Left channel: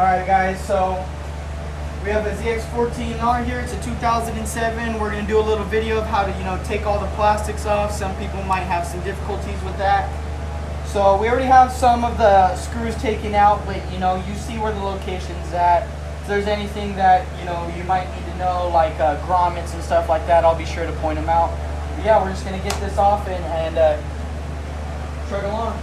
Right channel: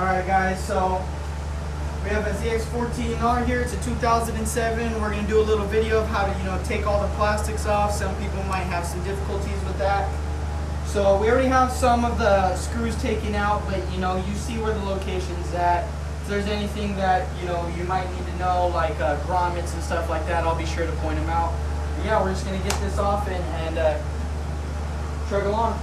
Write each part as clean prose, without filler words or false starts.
Alright guys, so we have a ZX14R here. It's a 2007. We're going to do a little video of how to, take all the plastics off. Some people might have some difficulties with that. So we already have some of the screws taken out, but you see where the location's at. If there's anything that, you might need to know, like grommets and stuff like that, I'll be sure to point them out. But yeah, we're just going to get this off and trudge along.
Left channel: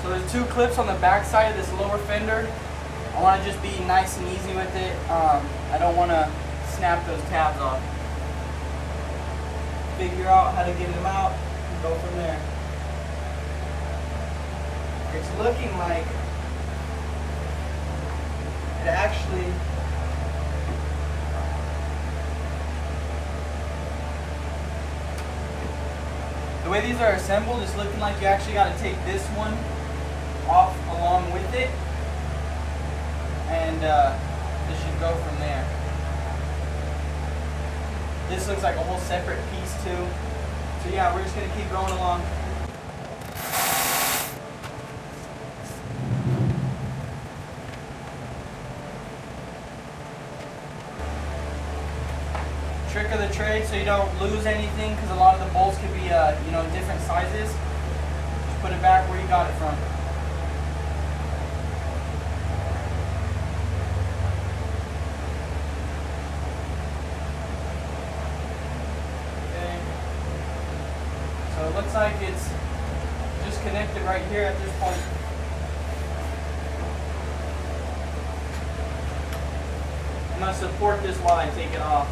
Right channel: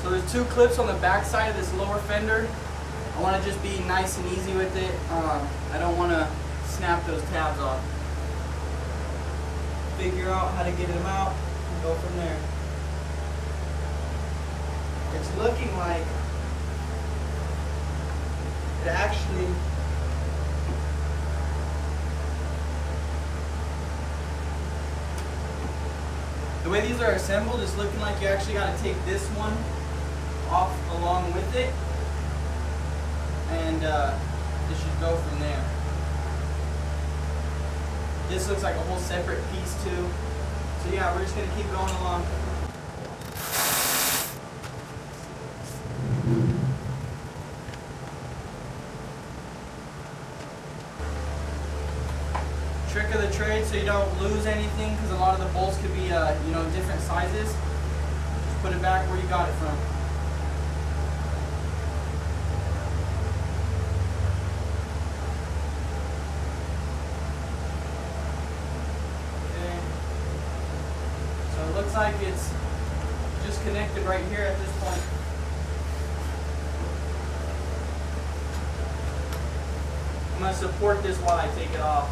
So there's two clips on the back side of this lower fender. I want to just be nice and easy with it. I don't want to snap those tabs off. Figure out how to get them out and go from there. It's looking like it actually the way these are assembled, it's looking like you actually got to take this one off along with it, and this should go from there. This looks like a whole separate piece too. So yeah, we're just gonna keep going along. Trick of the trade, so you don't lose anything, because a lot of the bolts could be different sizes. Just put it back where you got it from. So it looks like it's just connected right here at this point. I'm going to support this while I take it off.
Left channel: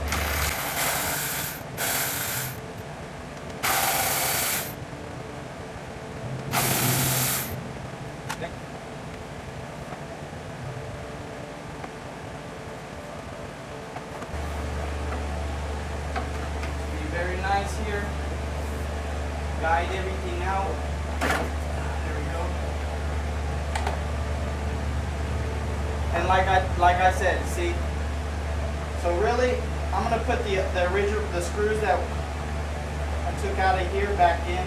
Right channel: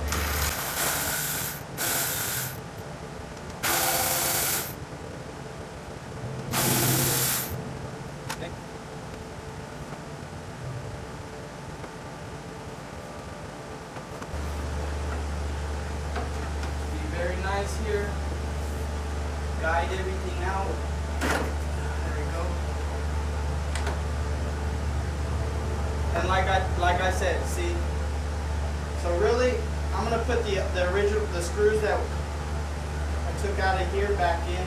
Be very nice here. Guide everything out. There we go. And like I said, see. So really, I'm gonna put the screws that I took out of here back in,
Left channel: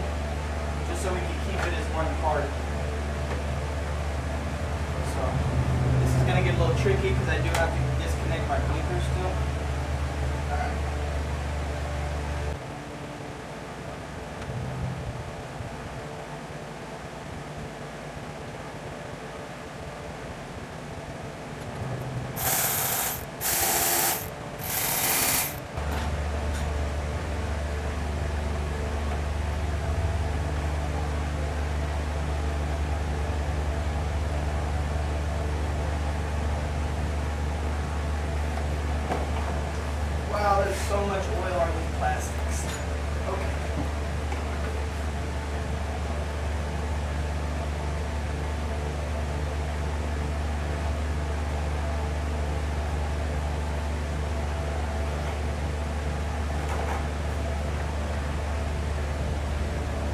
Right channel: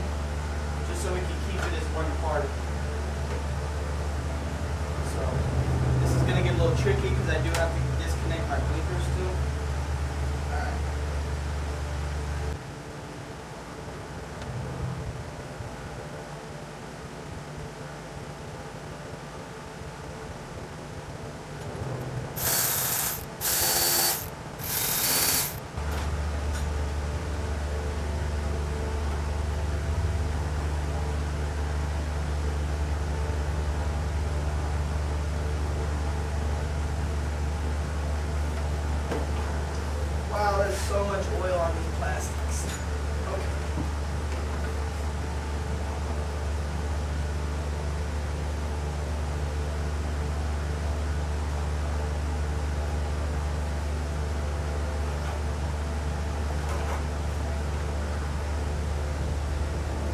just so we can keep it as one part. So this is gonna get a little tricky because I do have to disconnect my blinkers still. There's so much oil on these plastics. Okay.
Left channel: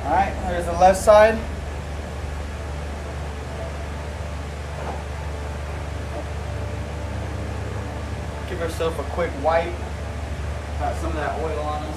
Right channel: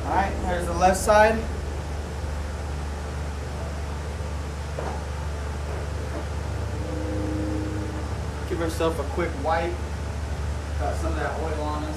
Alright, there's the left side. Give ourselves a quick wipe. Got some of that oil on us.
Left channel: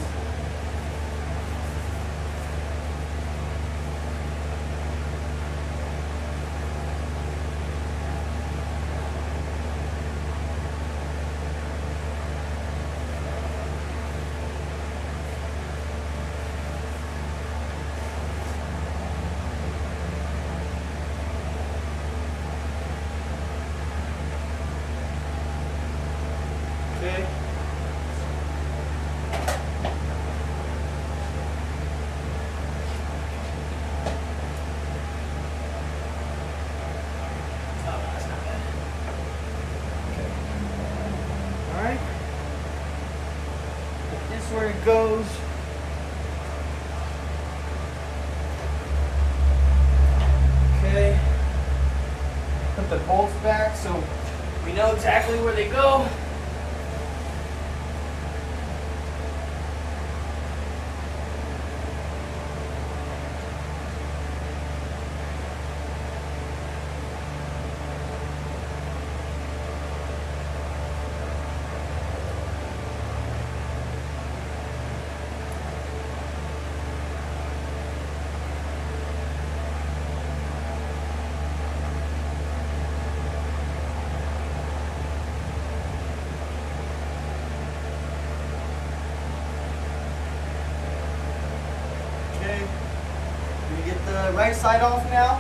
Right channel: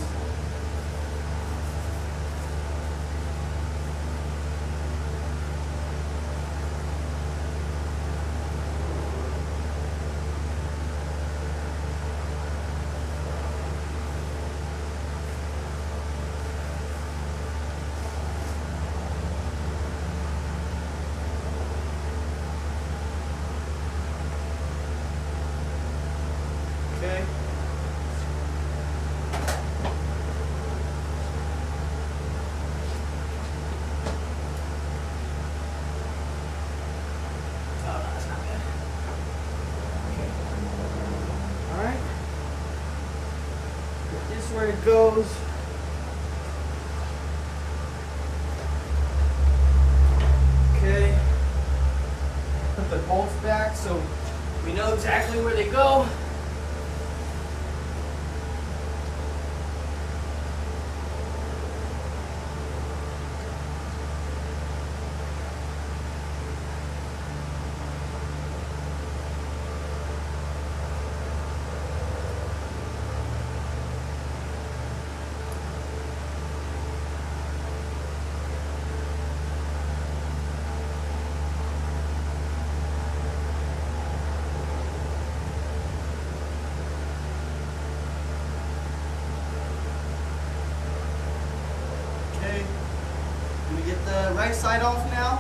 where it goes. Okay. Put the bolts back so we know exactly where they go. Get the right side off now.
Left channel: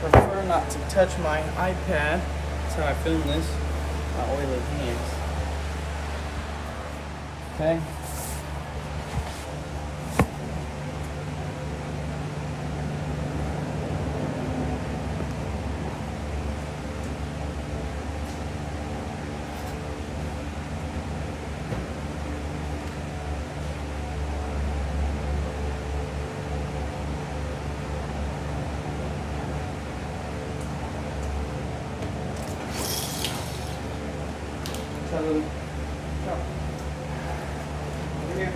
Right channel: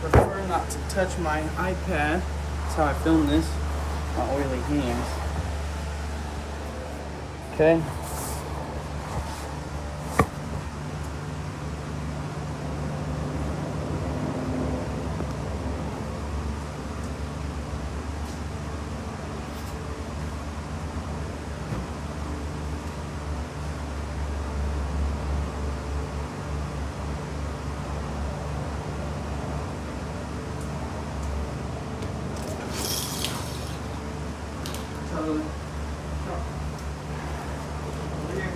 Prefer not to touch my iPad. That's how I film this. My oily hands. Okay. So, over here,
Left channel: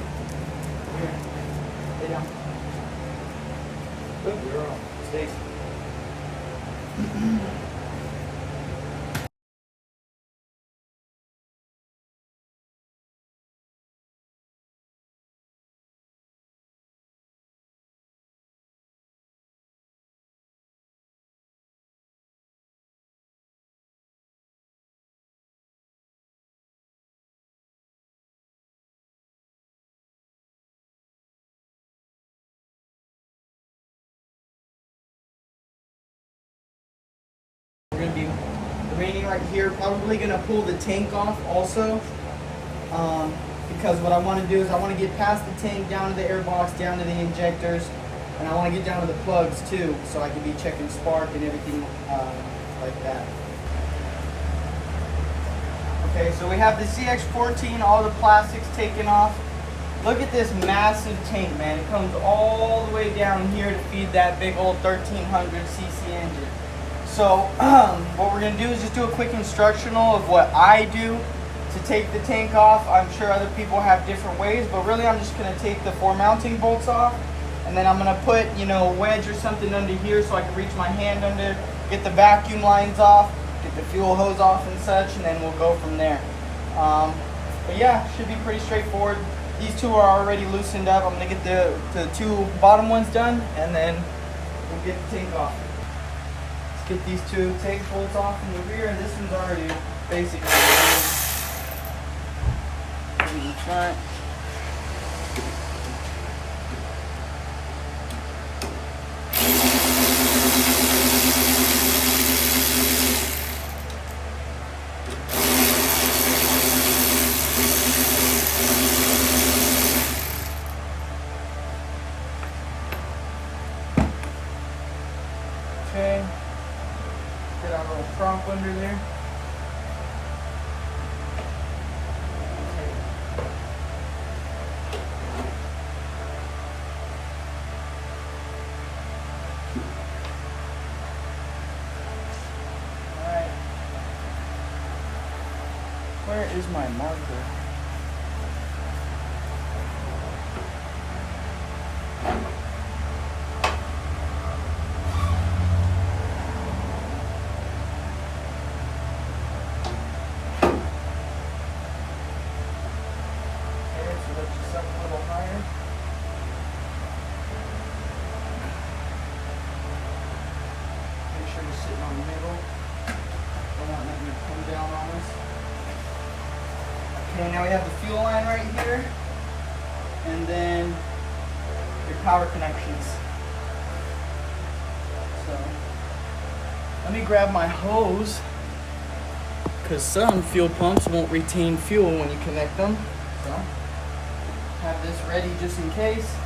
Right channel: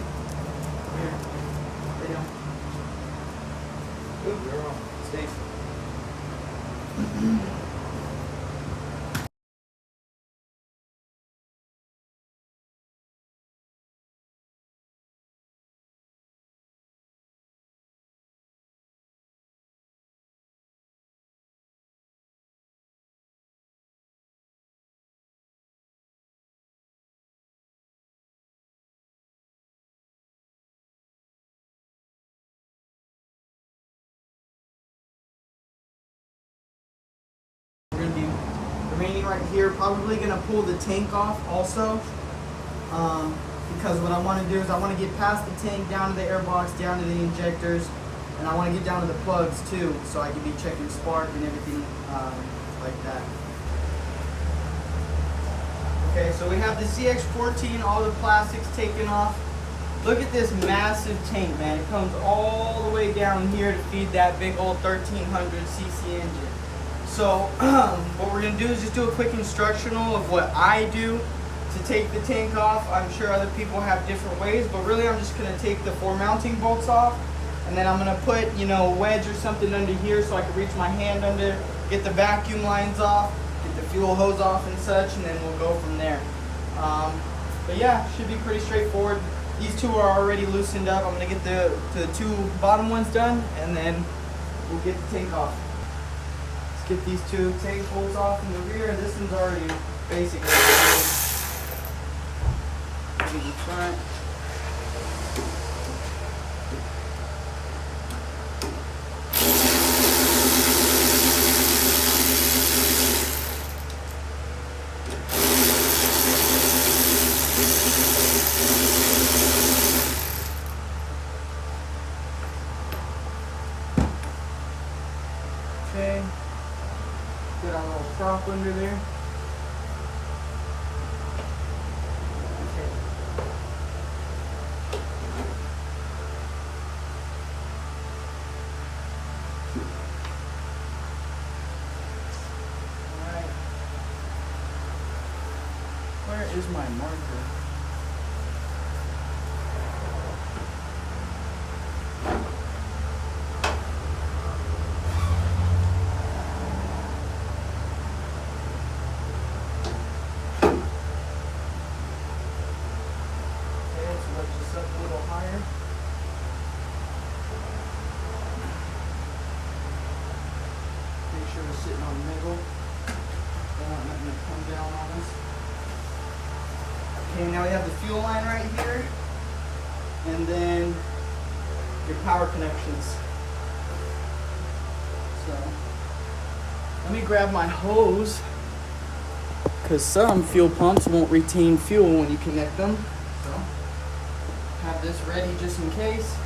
lay down. Good girl, stay. We're gonna be remaining right here. Probably gonna pull the tank off also, because what I want to do is I want to get past the tank, down to the air box, down to the injectors, and I want to get down to the plugs too, so I can be checking spark and everything like that. Okay, so we have the zx14, all the plastics taken off. Look at this massive tank, man. It comes all the way down here to feed that big old 1300 cc engine. So what we're gonna do is just do a quick instructional of what I do to take the tank off. I'm sure other people have different ways, but really I'm just gonna take the 4 mounting bolts off, and then I'm gonna put, you know, a wedge or something under here so I can reach my hand under, get the vacuum lines off, get the fuel hose off and such, and then we'll go from there. But yeah, should be pretty straightforward. These two are already loosened up. I'm gonna get the 2 bottom ones done, and then we'll get the tank off. Let's get these 2 tank bolts off from the rear. This one's already basically in the front. Okay, get our little prop under there. Okay. All right. Where is my marker? Sitting on the middle. Don't want nothing to come down on us. Okay, now we have the fuel line right here, and then your power connections. So let me grab my hose, because some fuel pumps won't retain fuel when you connect them. So have this ready just in case.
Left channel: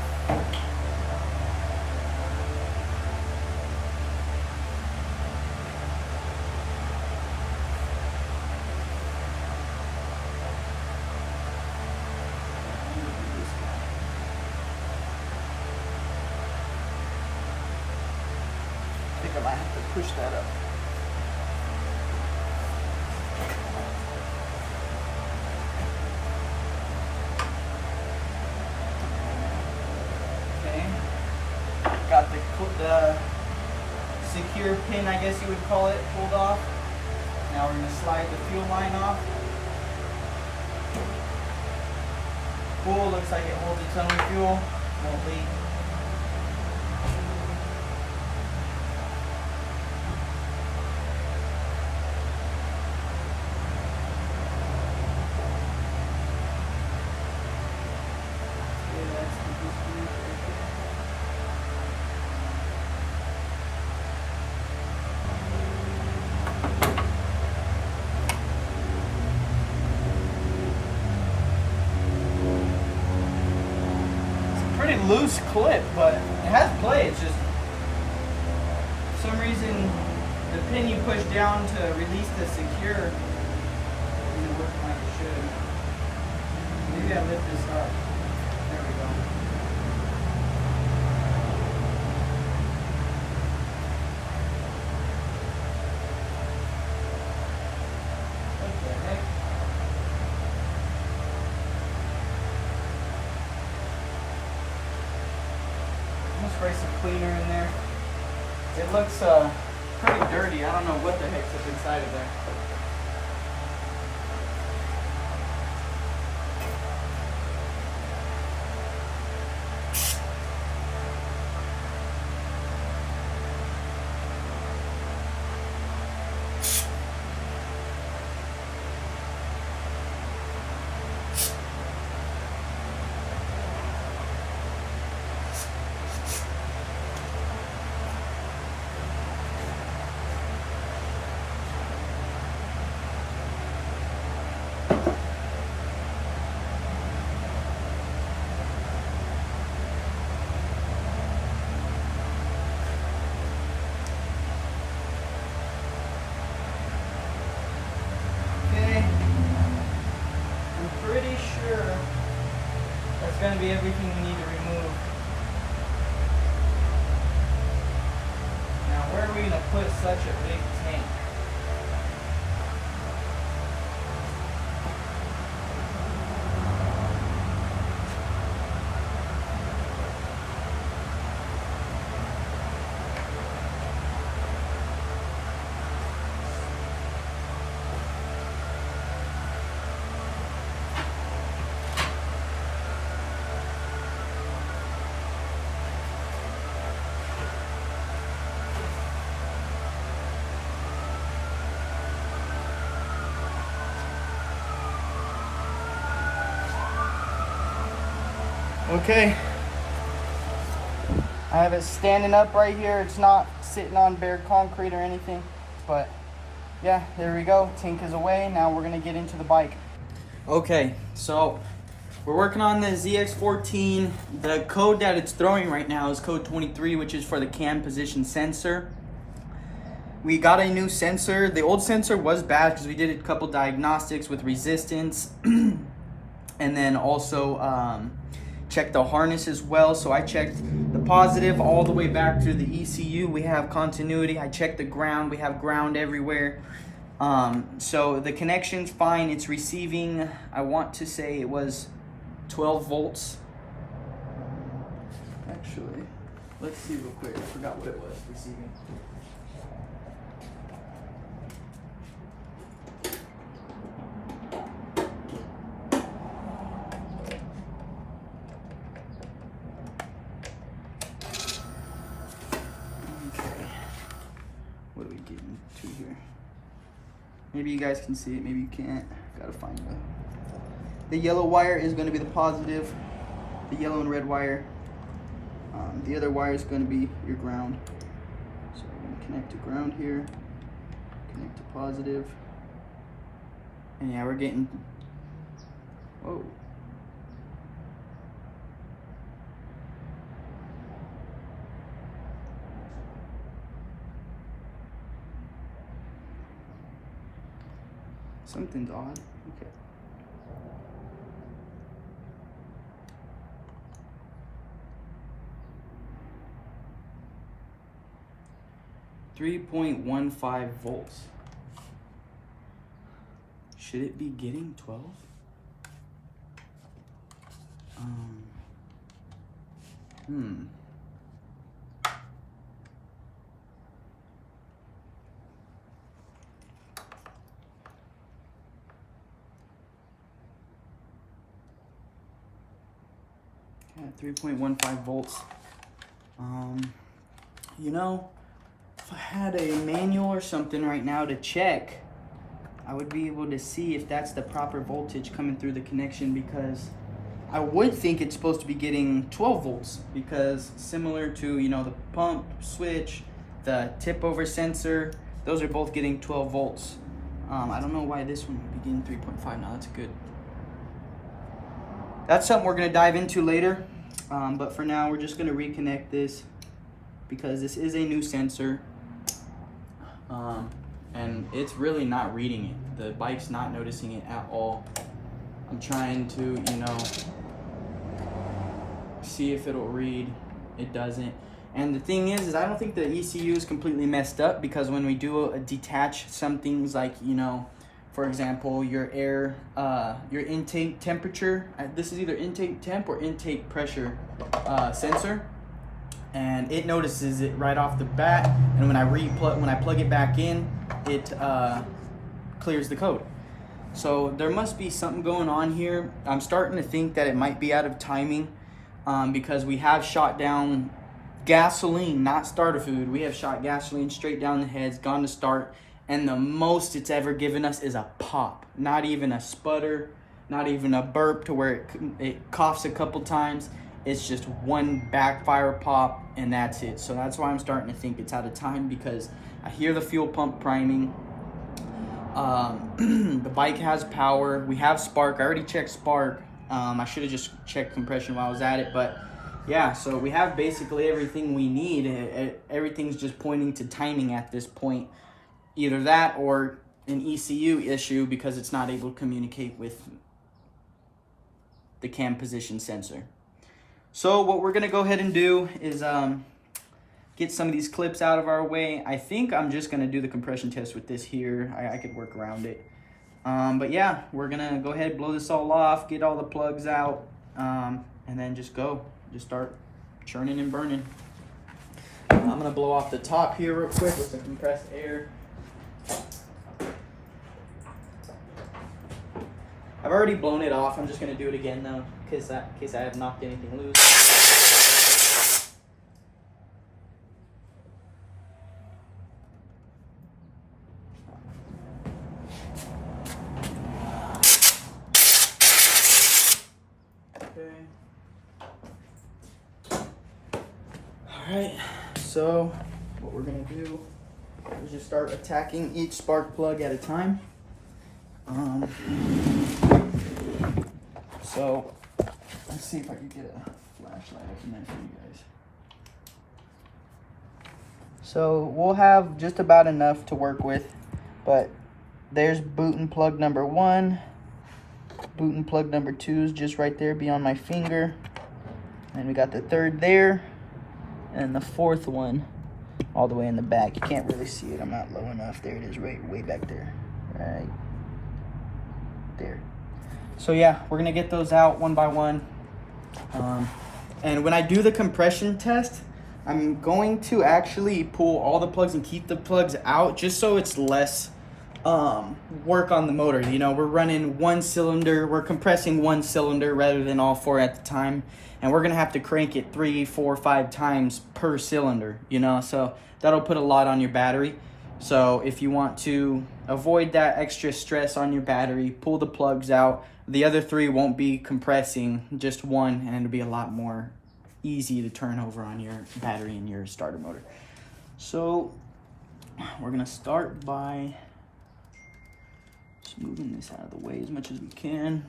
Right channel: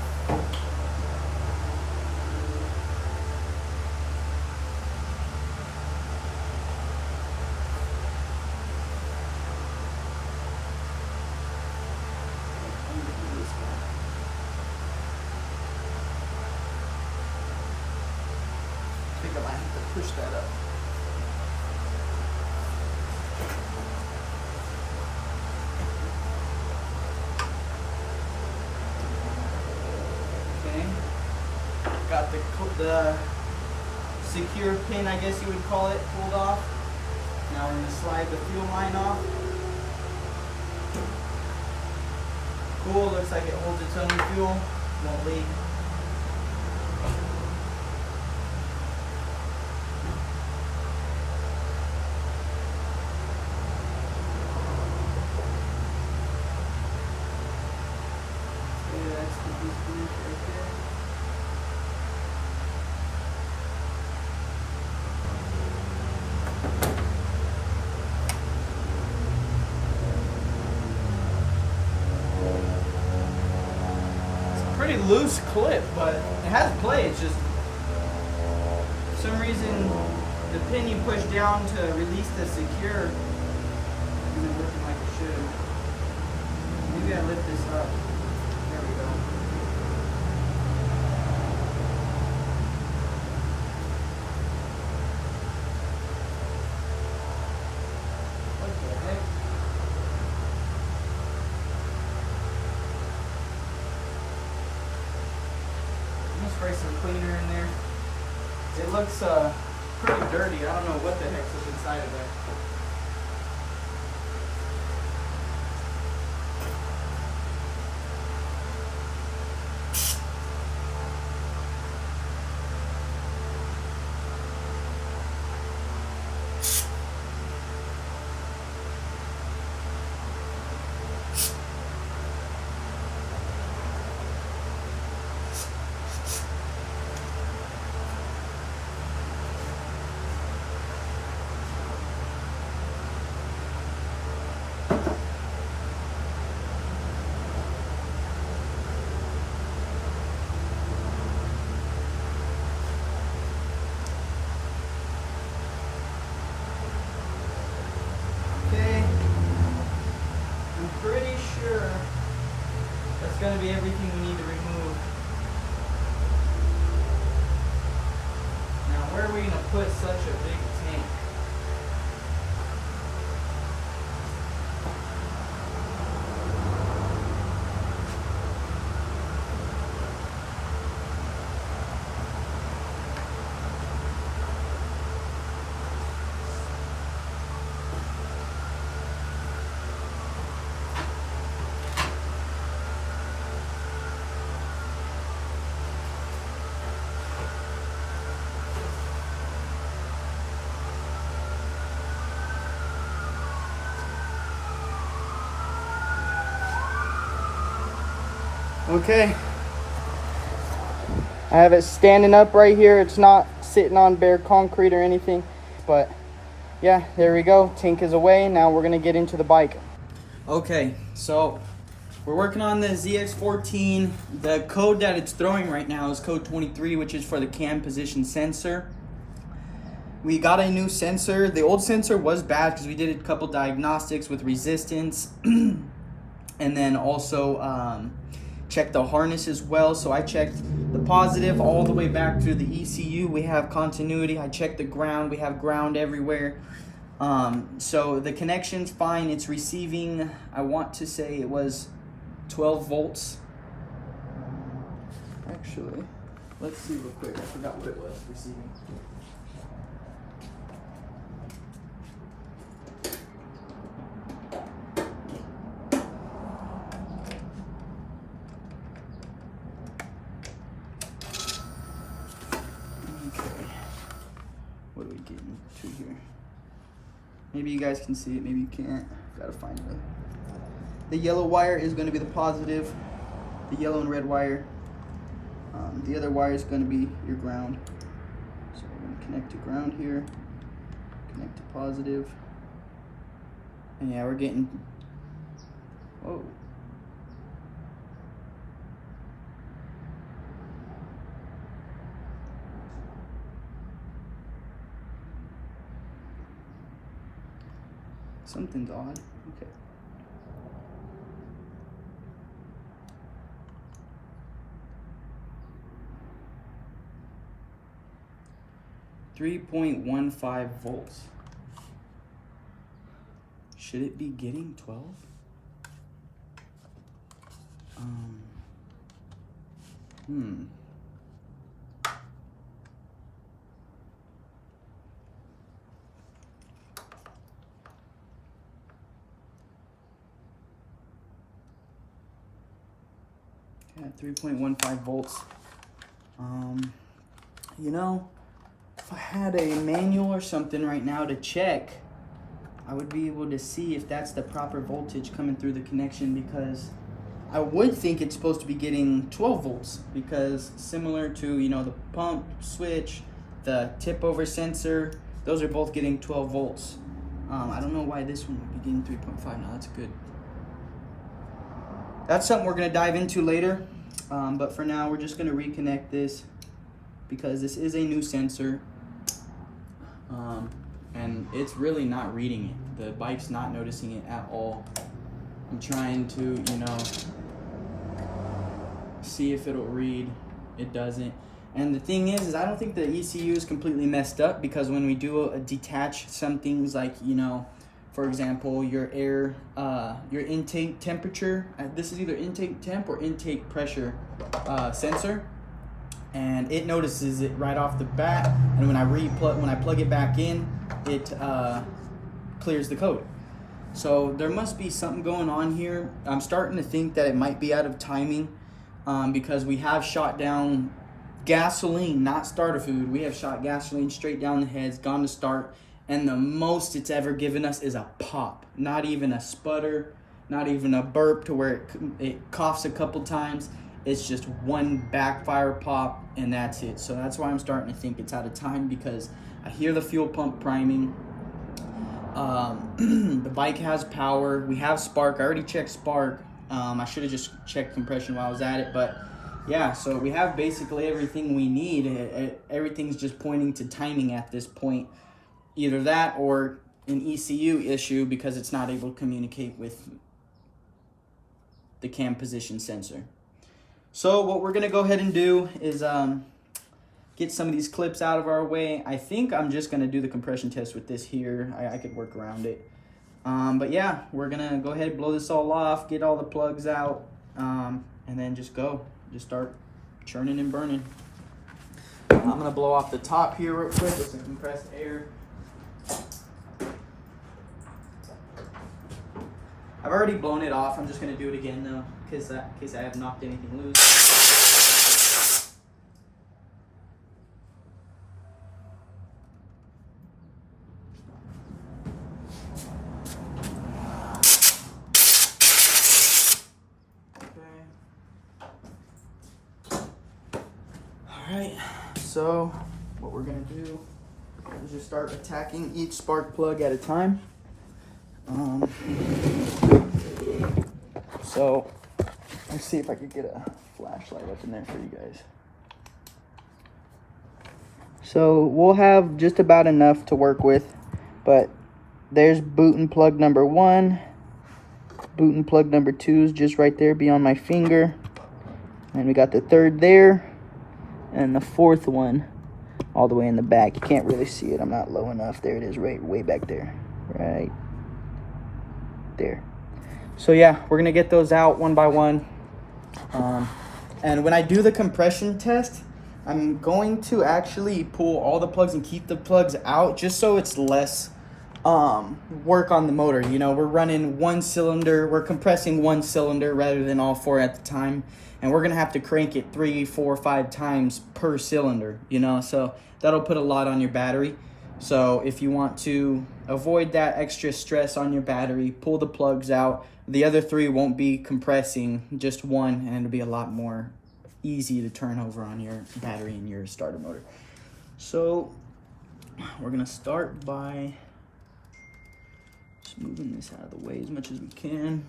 I might have to push that up. Okay. Got the secure pin, I guess you would call it, pulled off. Now we're going to slide the fuel line off. Cool, looks like it holds its own fuel. Won't leak. Pretty loose clip, but it has play. It's just for some reason the pin you push down to release the secure isn't working like it should. Maybe I lift this up. There we go. What the heck? Spray some cleaner in there. It looks pretty dirty. I don't know what the heck's up inside of there. Going to be everything we need to remove. Now, where are we going to put such a big tank? Okay, I have it standing up right here. It's not sitting on bare concrete or anything, but yeah, there we go. Tank is away. Now we're gonna get into the bike. Okay, so we're working on the ZX14. The code that it's throwing right now is code 23, which is for the cam position sensor. We got a new sensor. The old sensor was bad because we did a couple diagnostics with resistance and then also checked the harness as well. So I checked the positive all the way back to the ECU. We have continuity. I checked the ground. We have ground everywhere. So the connection's fine. It's receiving, I want to say it was 12 volts. Actually, let's see real quick. I forgot what it was receiving. What are we getting to here? Maybe you guys can see it, maybe you can't. Gotta find the yellow wire is going to be the positive, the yellow and red wire. The other wire is going to be your ground. So we're going to connect to ground here, connect to positive, and yeah, we're getting, whoa. Something's odd. Okay. 3.15 volts. Should it be getting 12? Yeah, 3.15 volts. You know, if I had a manual or something right now to check, I would be able to see if that's the proper voltage coming through the connection, because I would think it's supposed to be getting 12 volts, because similar to, you know, the pump, switch, the tip over sensor, those are both getting 12 volts. I don't know why this one would be getting 3.5 now. That's good. That's something we're going to dive into later. But for now, we're just going to reconnect this because this is a new sensor. And it's really not reading it. The bike's not noticing it at all. I'm trying to, you know, see if it'll read. It doesn't. And the thing is I don't think the ECU is completely messed up, because when we do detach some things like, you know, for example, your air, your intake temperature, this is either intake temp or intake pressure sensor, and it notices it right off the bat. And when I plug it back in, it clears the code. So there must be something going on here. I'm starting to think that it might be out of timing, because we have shot down gasoline, not starter fluid. We have shot gasoline straight down the heads, gone to start, and the most it's ever given us is a pop. Not even a sputter, not even a burp to where it coughs a couple times. It's just one backfire pop, and that's it. So that's why I'm starting to think it's out of time, because I hear the fuel pump priming. The bike has power. We have spark. I already checked spark. I should have just checked compression while I was at it, but yeah, so we have basically everything we need. Everything's just pointing to timing at this point. Either that or an ECU issue, because it's not able to communicate with the cam position sensor. So what we're gonna go ahead and do is get some of these clips out of our way. I think I'm just gonna do the compression test with this here. I could work around it. But yeah, we're gonna go ahead and blow this all off, get all the plugs out, and then just start churning and burning. I'm gonna blow off the top here real quick with some compressed air. I've already blown it off. I'm just gonna do it again though, in case I have knocked anything loose. Alright, so what we're going to do is just start attacking each spark plug at a time. So let's see if I could get a flashlight up in there for you guys. So we'll have just about enough to work with, but there's boot and plug number 1. Boot and plug number 2 is just right there beyond my finger. And we got the 3rd there. And the 4th one all the way in the back. You can't really see it. I'm not low enough. There it is, right way back there. Right there. So yeah, we're gonna get those out one by one. And when I do the compression test, I'm going to actually pull all the plugs and keep the plugs out, just so it's less work on the motor. You know, we're running one cylinder, we're compressing one cylinder rather than all 4 at the time. And we're gonna have to crank it 3, 4, 5 times per cylinder, you know, so that'll put a lot on your battery. So if you want to avoid that extra stress on your battery, pull the plugs out. The other 3 won't be compressing, just one, and it'll be a lot more easy to turn over on your battery and your starter motor. So we're gonna start by just moving this out of the way as much as we can.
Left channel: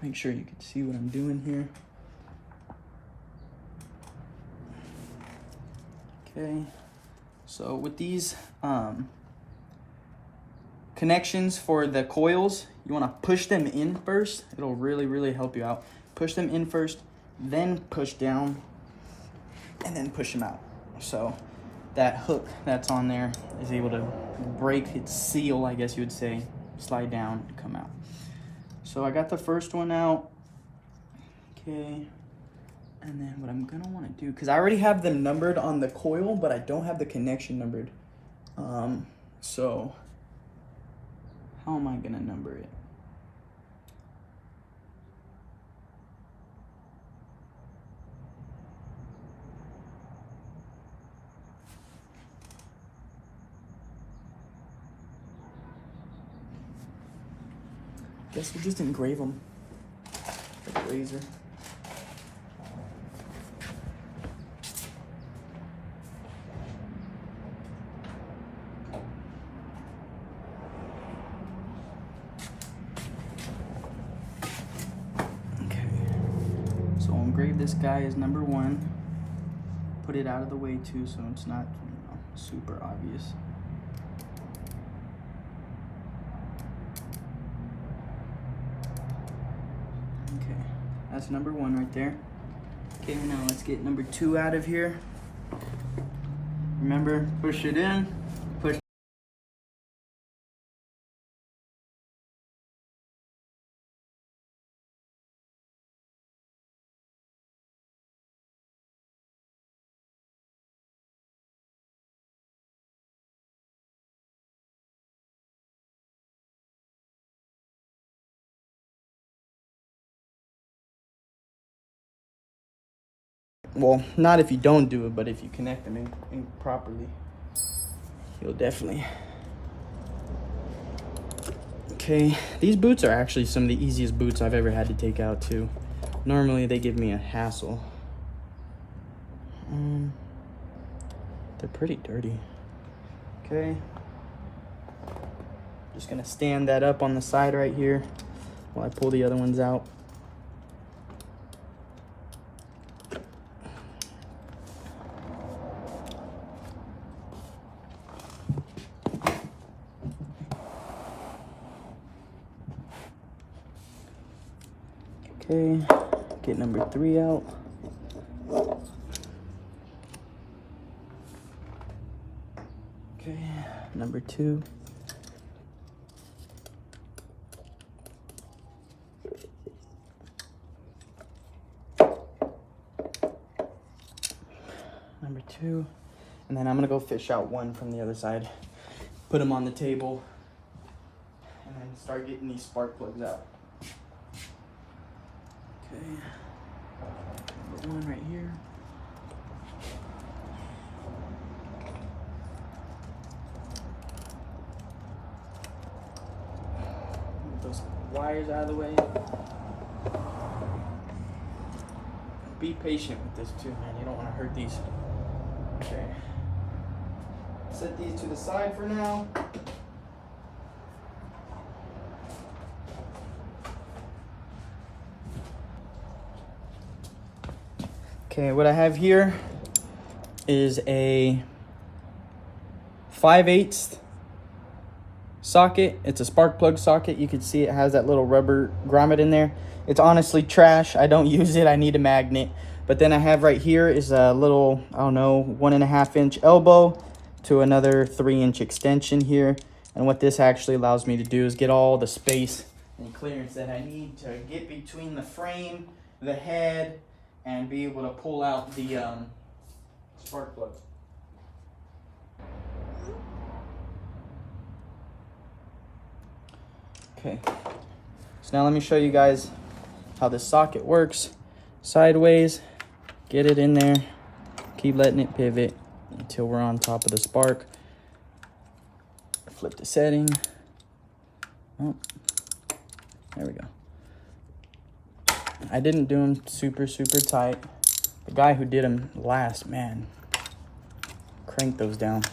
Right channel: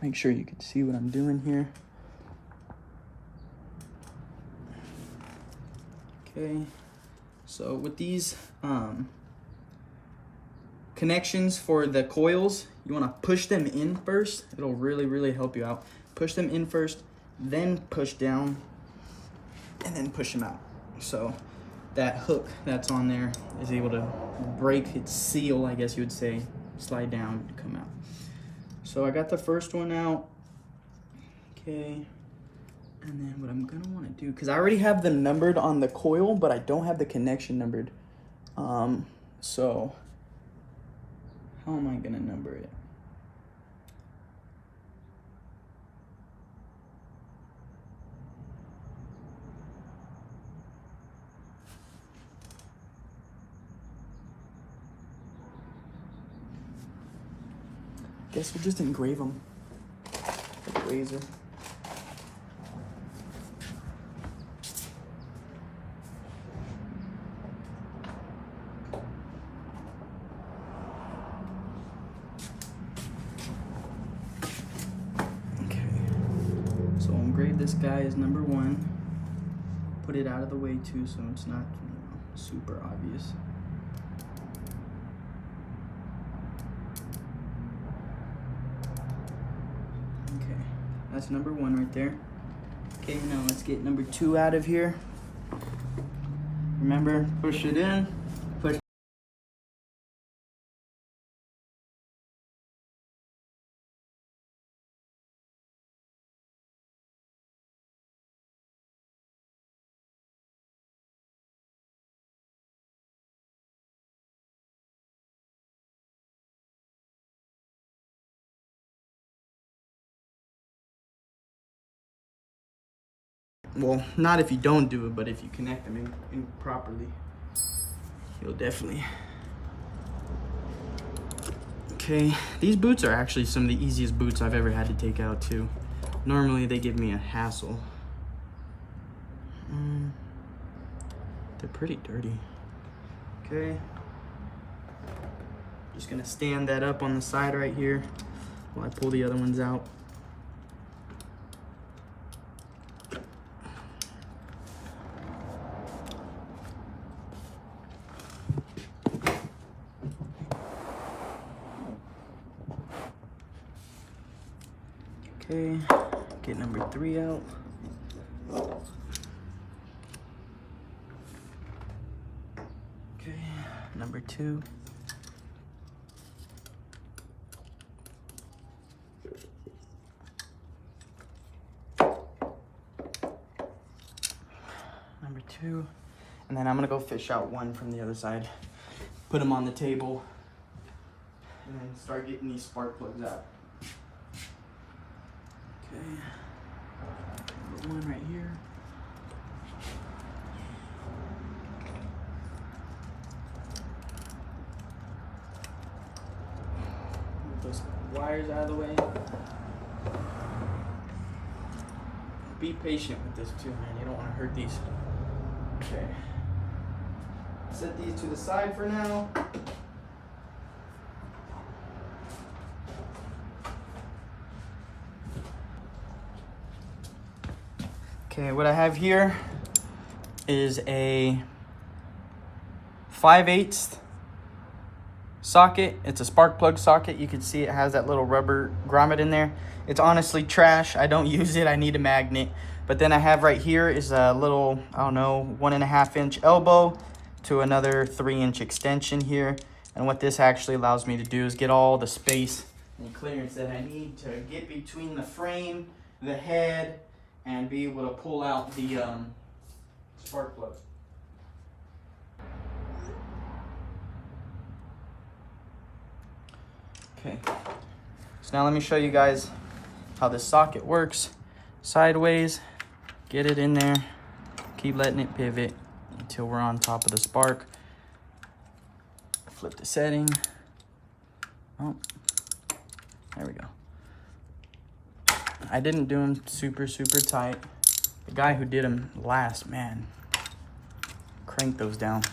Make sure you can see what I'm doing here. Okay, so with these connections for the coils, you want to push them in first. It'll really help you out. Push them in first, then push down, and then push them out. So that hook that's on there is able to break its seal, I guess you would say, slide down and come out. So I got the first one out. Okay. And then what I'm gonna want to do, because I already have them numbered on the coil, but I don't have the connection numbered. So how am I gonna number it? Guess we'll just engrave them with a laser. Okay, so I'll engrave this guy as number 1. Put it out of the way too, so it's not, super obvious. Okay, that's number 1 right there. Okay, now let's get number 2 out of here. Remember, push it in, push. Well, not if you don't do it, but if you connect them in properly, you'll definitely. Okay, these boots are actually some of the easiest boots I've ever had to take out too. Normally they give me a hassle. They're pretty dirty. Okay, just gonna stand that up on the side right here while I pull the other ones out. Okay, get number 3 out. Okay, number 2. Number 2. And then I'm gonna go fish out 1 from the other side. Put them on the table. And then start getting these spark plugs out. Okay, number 1 right here. Move those wires out of the way. Be patient with this too, man. You don't want to hurt these. Okay. Set these to the side for now. Okay, what I have here is a 5/8 socket. It's a spark plug socket. You can see it has that little rubber grommet in there. It's honestly trash. I don't use it. I need a magnet. But then I have right here is a little, I don't know, 1.5 inch elbow to another 3-inch extension here. And what this actually allows me to do is get all the space and clearance that I need to get between the frame, the head, and be able to pull out the spark plug. Okay, so now let me show you guys how this socket works. Sideways, get it in there, keep letting it pivot until we're on top of the spark. Flip the setting. Oh, there we go. I didn't do them super tight. The guy who did them last, man, cranked those down.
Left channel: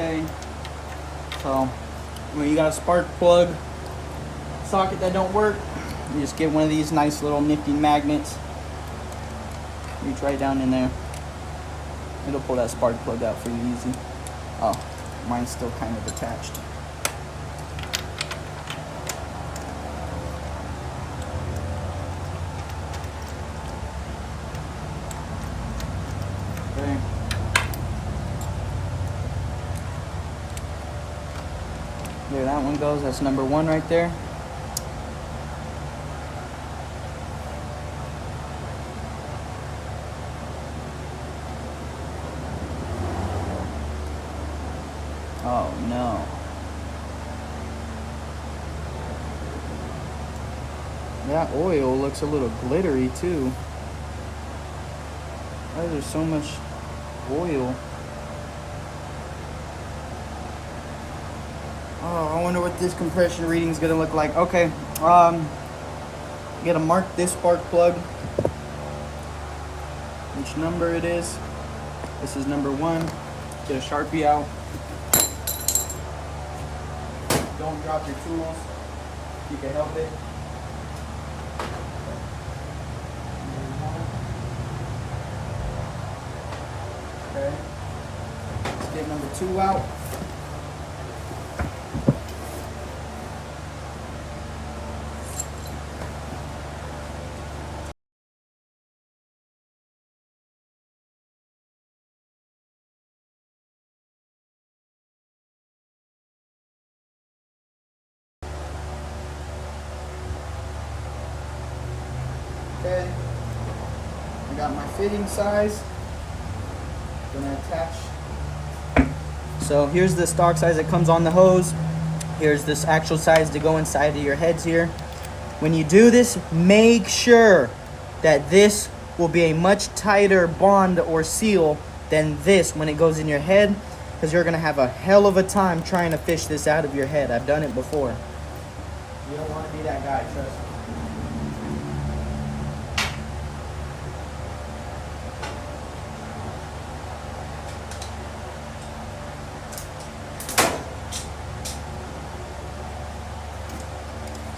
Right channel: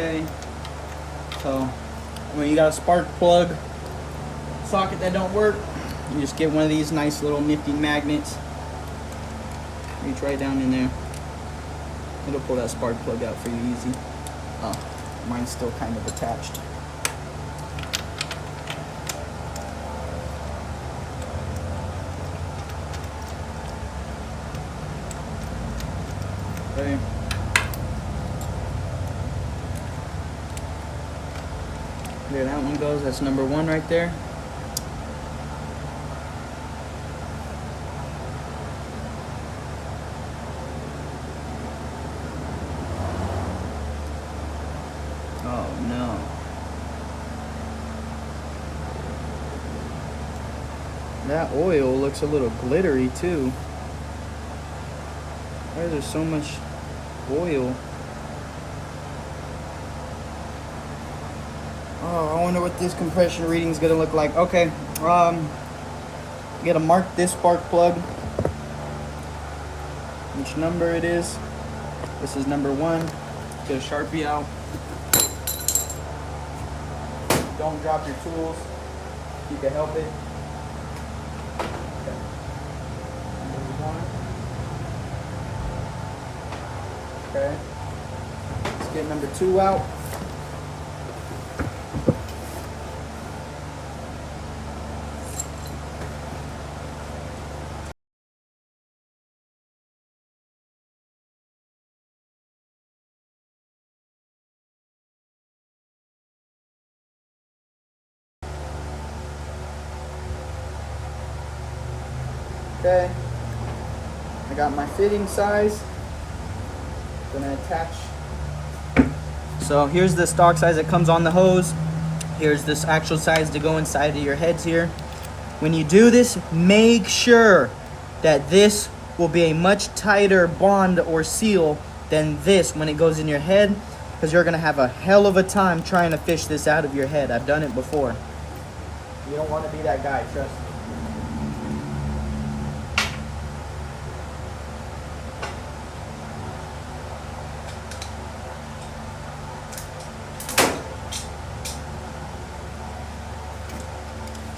Okay. So when you got a spark plug socket that don't work, you just get one of these nice little nifty magnets. Reach right down in there. It'll pull that spark plug out for you easy. Oh, mine's still kind of attached. There. There that one goes. That's number 1 right there. Oh no. That oil looks a little glittery too. Why is there so much oil? Oh, I wonder what this compression reading is gonna look like. Okay, you gotta mark this spark plug, which number it is. This is number 1. Get a Sharpie out. Don't drop your tools. You can help it. Number 1. Okay. Let's get number 2 out. Okay, I got my fitting size. Gonna attach. So here's the stock size that comes on the hose. Here's this actual size to go inside of your heads here. When you do this, make sure that this will be a much tighter bond or seal than this when it goes in your head, because you're gonna have a hell of a time trying to fish this out of your head. I've done it before. You don't want to be that guy, trust me.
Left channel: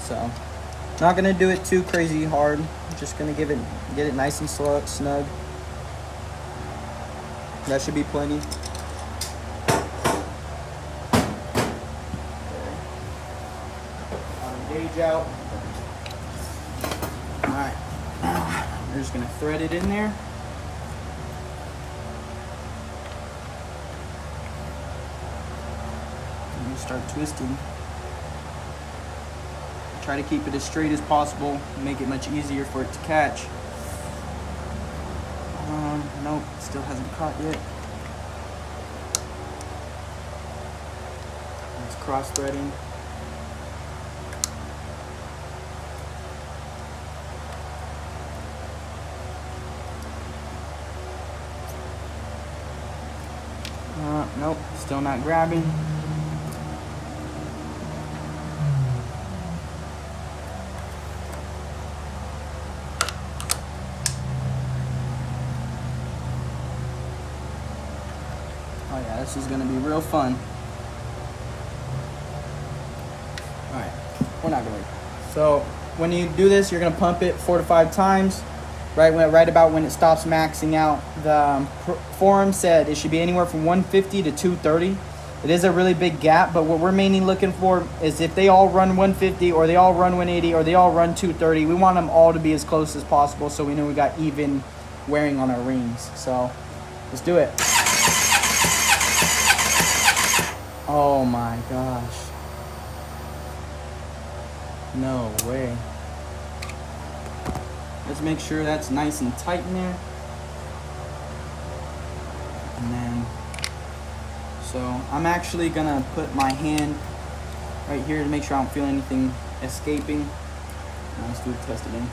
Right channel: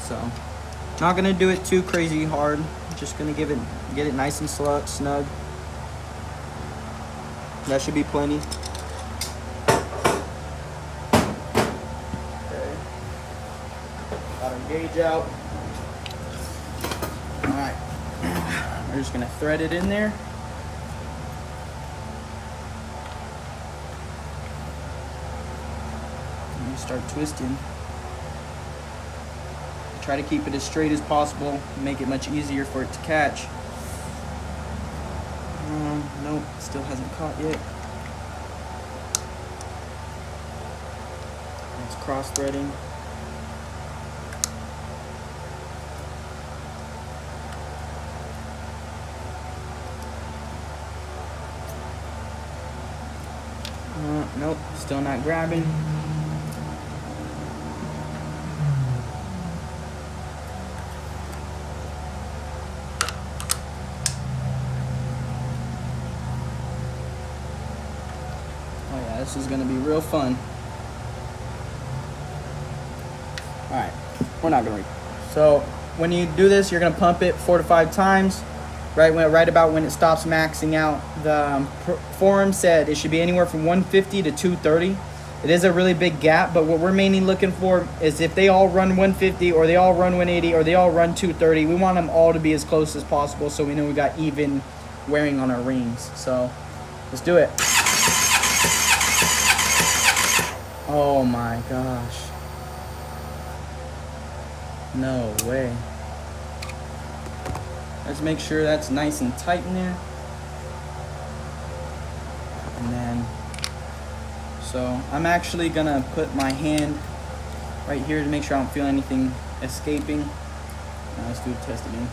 So, not gonna do it too crazy hard. Just gonna get it nice and snug. That should be plenty. Okay. Got our gauge out. All right. We're just gonna thread it in there. And you start twisting. Try to keep it as straight as possible, make it much easier for it to catch. Nope, still hasn't caught yet. It's cross threading. Nope, still not grabbing. Oh yeah, this is gonna be real fun. All right, we're not gonna. So when you do this, you're gonna pump it 4 to 5 times. Right about when it stops maxing out. The forum said it should be anywhere from 150 to 230. It is a really big gap, but what we're mainly looking for is if they all run 150 or they all run 180 or they all run 230, we want them all to be as close as possible so we know we got even wearing on our rings. So let's do it. Oh my gosh. No way. Let's make sure that's nice and tight in there. And then, so I'm actually gonna put my hand right here to make sure I don't feel anything escaping. Now let's do a test again.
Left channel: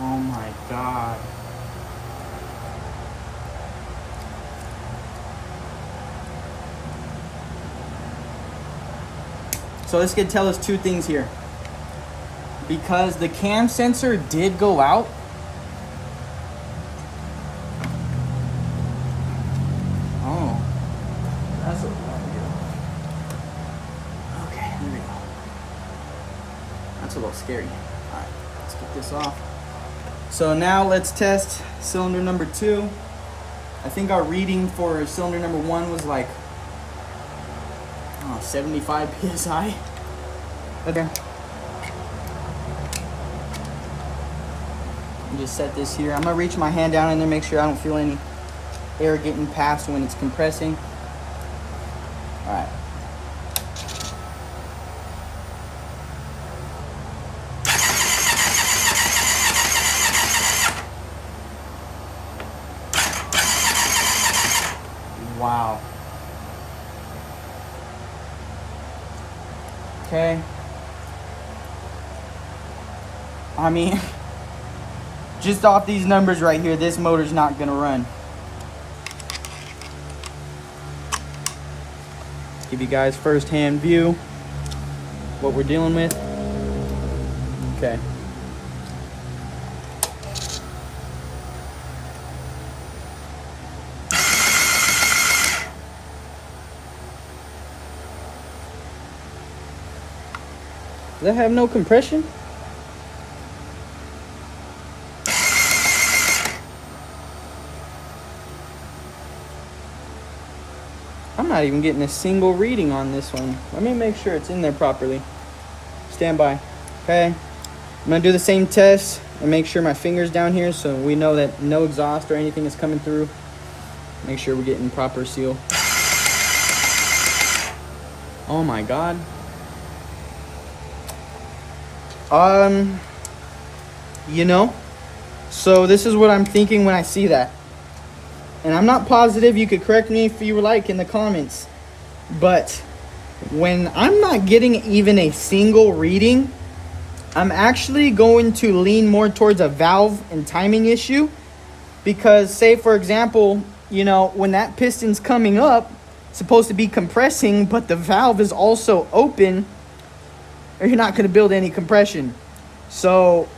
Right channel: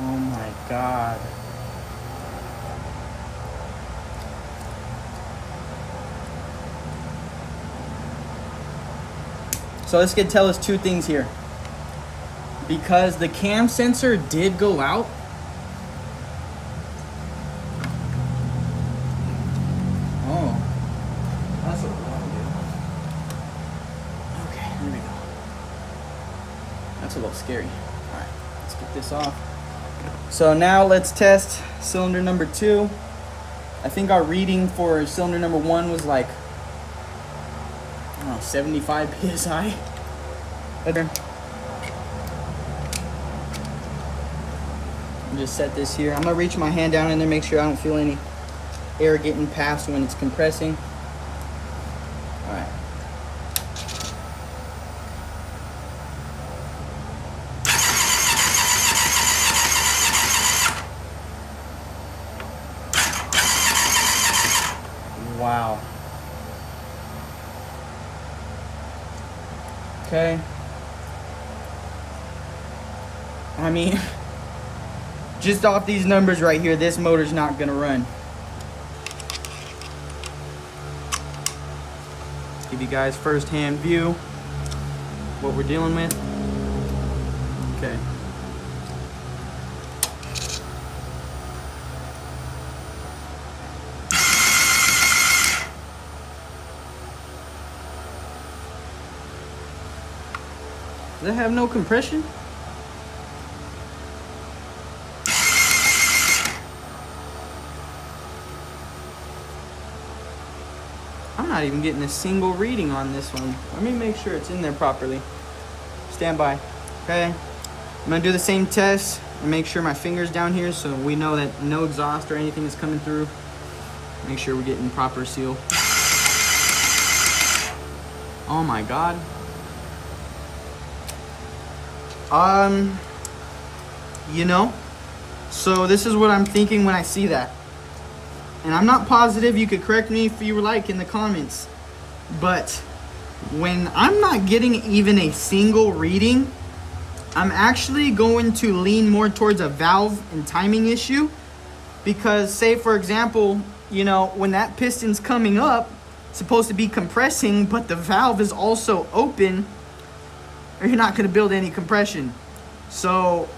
Oh my God. So this could tell us 2 things here. Because the cam sensor did go out, flip it up here. Okay, here we go. That's a little scary. All right, let's get this off. So now let's test cylinder number 2. I think our reading for cylinder number 1 was like, I don't know, 75 psi. Okay. Just set this here. I'm gonna reach my hand down in there, make sure I don't feel any air getting past when it's compressing. All right. Wow. Okay. I mean, just off these numbers right here, this motor's not gonna run. Let's give you guys first-hand view what we're dealing with. Okay. Does that have no compression? I'm not even getting a single reading on this one. Let me make sure it's in there properly. Stand by. Okay. I'm gonna do the same test and make sure my finger's down here so we know that no exhaust or anything is coming through. Make sure we're getting proper seal. Oh my God. You know, so this is what I'm thinking when I see that. And I'm not positive, you could correct me if you like in the comments, but when I'm not getting even a single reading, I'm actually going to lean more towards a valve and timing issue. Because say for example, you know, when that piston's coming up, it's supposed to be compressing, but the valve is also open, or you're not going to build any compression. So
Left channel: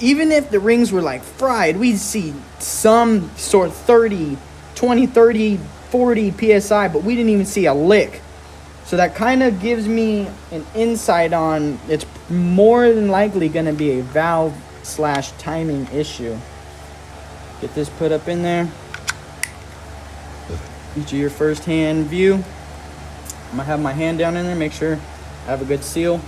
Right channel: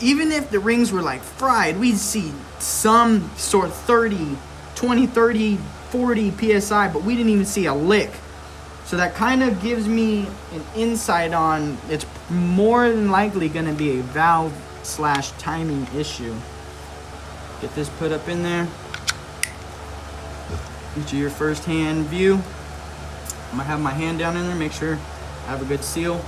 even if the rings were like fried, we'd see some sort of 30, 20, 30, 40 PSI, but we didn't even see a lick. So that kind of gives me an insight on it's more than likely going to be a valve / timing issue. Get this put up in there. Get you your first hand view. I'm going to have my hand down in there, make sure I have a good seal.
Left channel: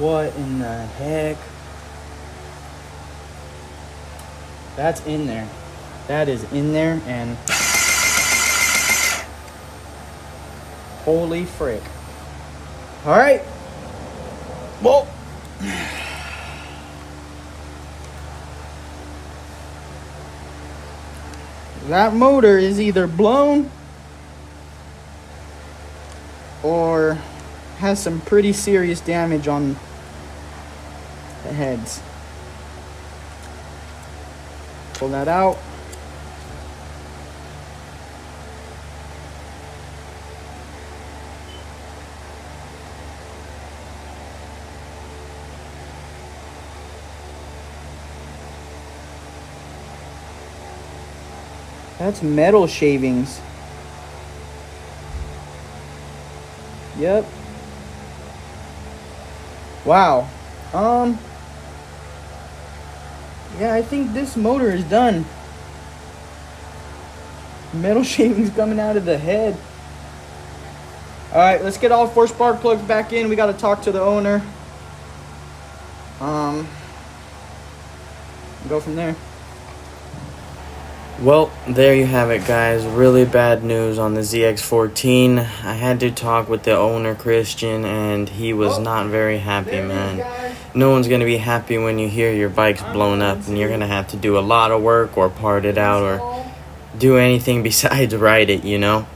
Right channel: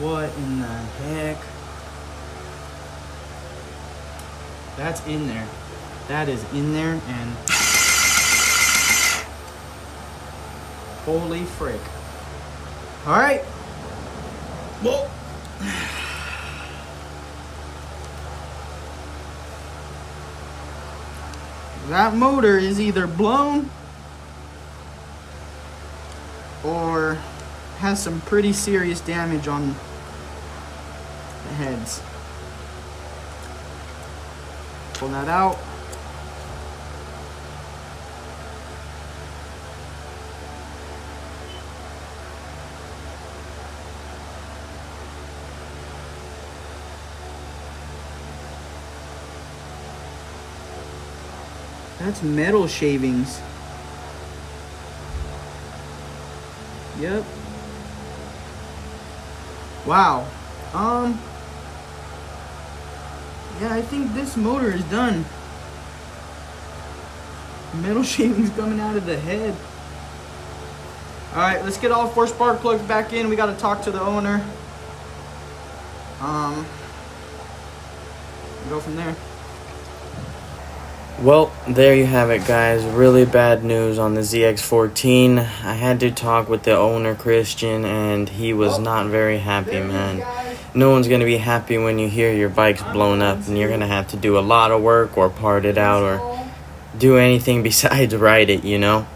What in the heck? That's in there. That is in there, and holy frick. All right. Well, that motor is either blown or has some pretty serious damage on the heads. Pull that out. That's metal shavings. Yep. Wow. Yeah, I think this motor is done. Metal shavings coming out of the head. All right, let's get all 4 spark plugs back in. We got to talk to the owner. Go from there. Well, there you have it, guys. Really bad news on the ZX14. I had to talk with the owner, Christian, and he was not very happy, man. No one's going to be happy when you hear your bike's blown up and you're going to have to do a lot of work or part it out or do anything besides ride it, you know?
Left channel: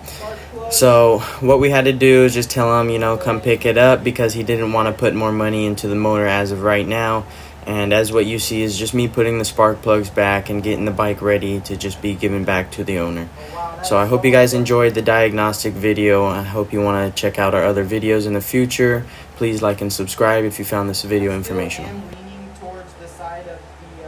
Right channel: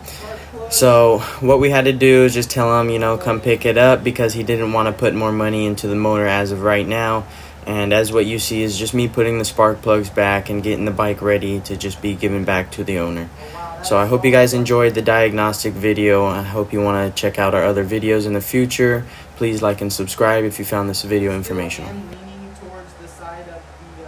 So what we had to do is just tell him, you know, come pick it up because he didn't want to put more money into the motor as of right now. And as what you see is just me putting the spark plugs back and getting the bike ready to just be given back to the owner. So I hope you guys enjoyed the diagnostic video. I hope you want to check out our other videos in the future. Please like and subscribe if you found this video informational. I'm leaning towards the side of the